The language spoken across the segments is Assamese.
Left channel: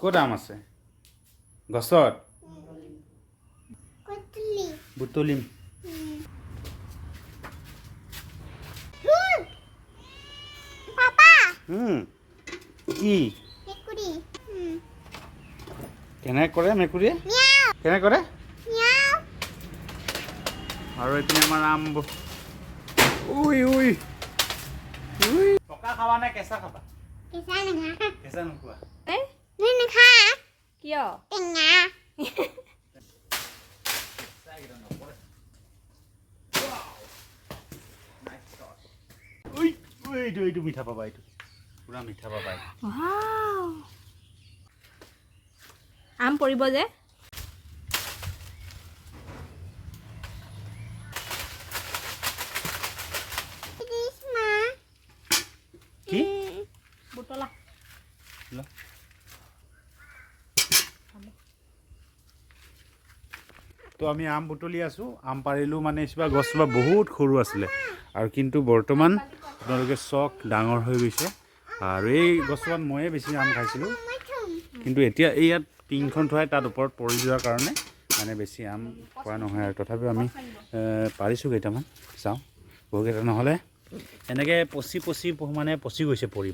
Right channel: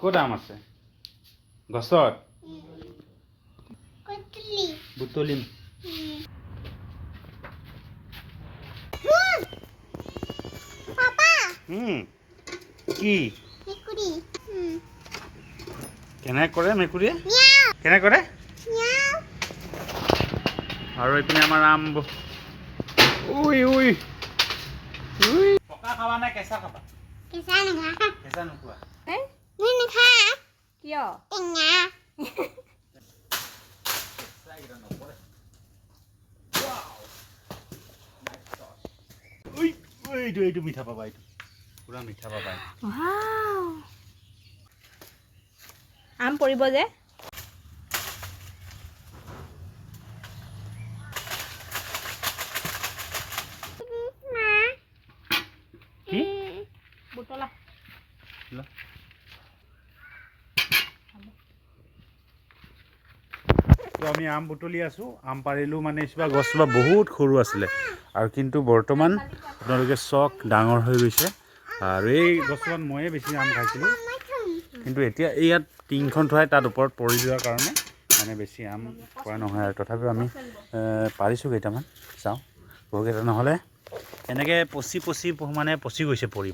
ক'ত আম আছে গছত বুটলিম কি কেনেকৈ কৰে মেকুৰীয়ে কেনেকৈ কৰে আৰু এইপিনে আমাৰ আম উই উই উই পকা খাবা নে কেঁচা খাবা কেঁচা নোখোৱা কিয় এইটো মিঠা পাবা এইটো পুৰা মিঠা পাবা আম পৰিব যে কি বুটলা তো আমি আম বুটলি আছোঁ আম পাৰিলোঁ মানে কিবা গছজোপা বহুত সৰু আছিলে আৰু কিন্তু বৰ্তমান আপোনালোকে চক ডাঙৰ হৈ গৈছে আৰু এই গছজোপাত ময়ে বেছি আম খাইছিলোঁ কিন্তু এতিয়া এই ইয়াত টিংখন থোৱাই তাত ওপৰত পৰি যোৱাৰ কাৰণে মানে বেছি আম পৰা নহয় আৰু তথাপিও আমি পাৰিছোঁ কেইটামান চাওঁ বহুকেইটা নহ'লে এনেকৈ পচি মানে পচি গৈছে পৰি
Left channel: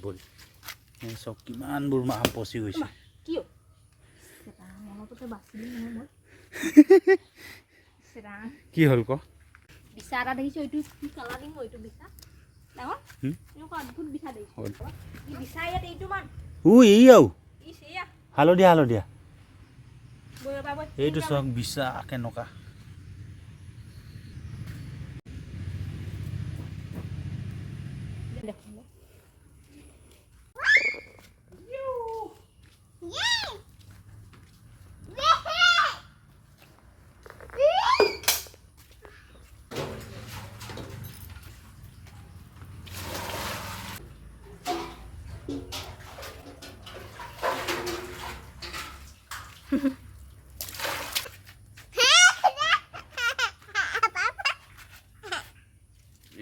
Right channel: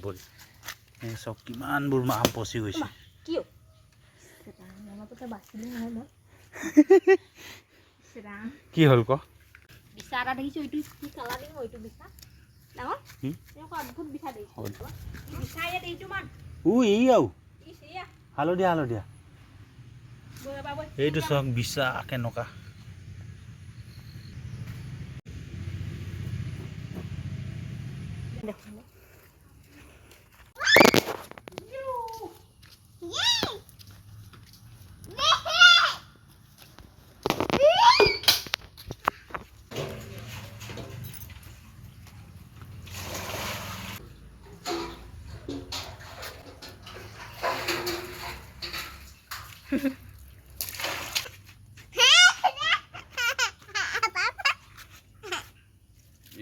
চব কিমানবোৰ আম পচি গৈছে কি হ'ল ক বিচা এটা দেখিছোঁ এইটো কি কালাৰিং এইটো বিচা ডাঙৰ এনেকুৱা অদ্ভুত বিচা দেখিছোঁ এই বিচা ইয়াত এইটো মান হালধীয়া এইটো চক বিচা কেনেকুৱা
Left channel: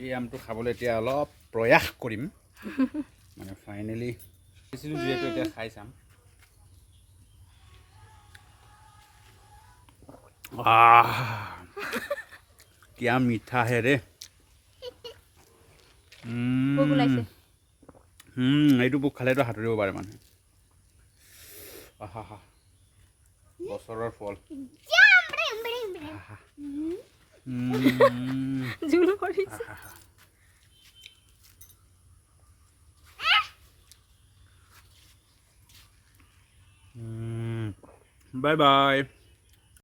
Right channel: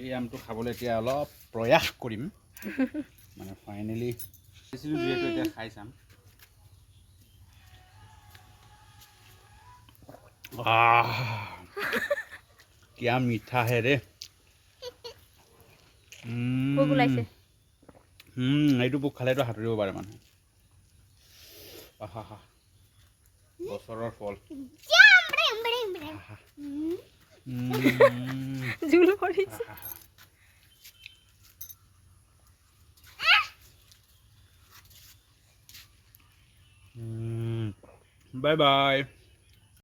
এই আমটো খাবলৈ এতিয়া অলপ প্ৰয়াস কৰিম মানে ফাইনেলি যিহেতু এতিয়া খাই চাম কিয়া মিঠা হে ৰে এইটো পোক খালেতো সাঁতুৰিব পাৰে মানুহে বছৰৰ ফল বাই বাই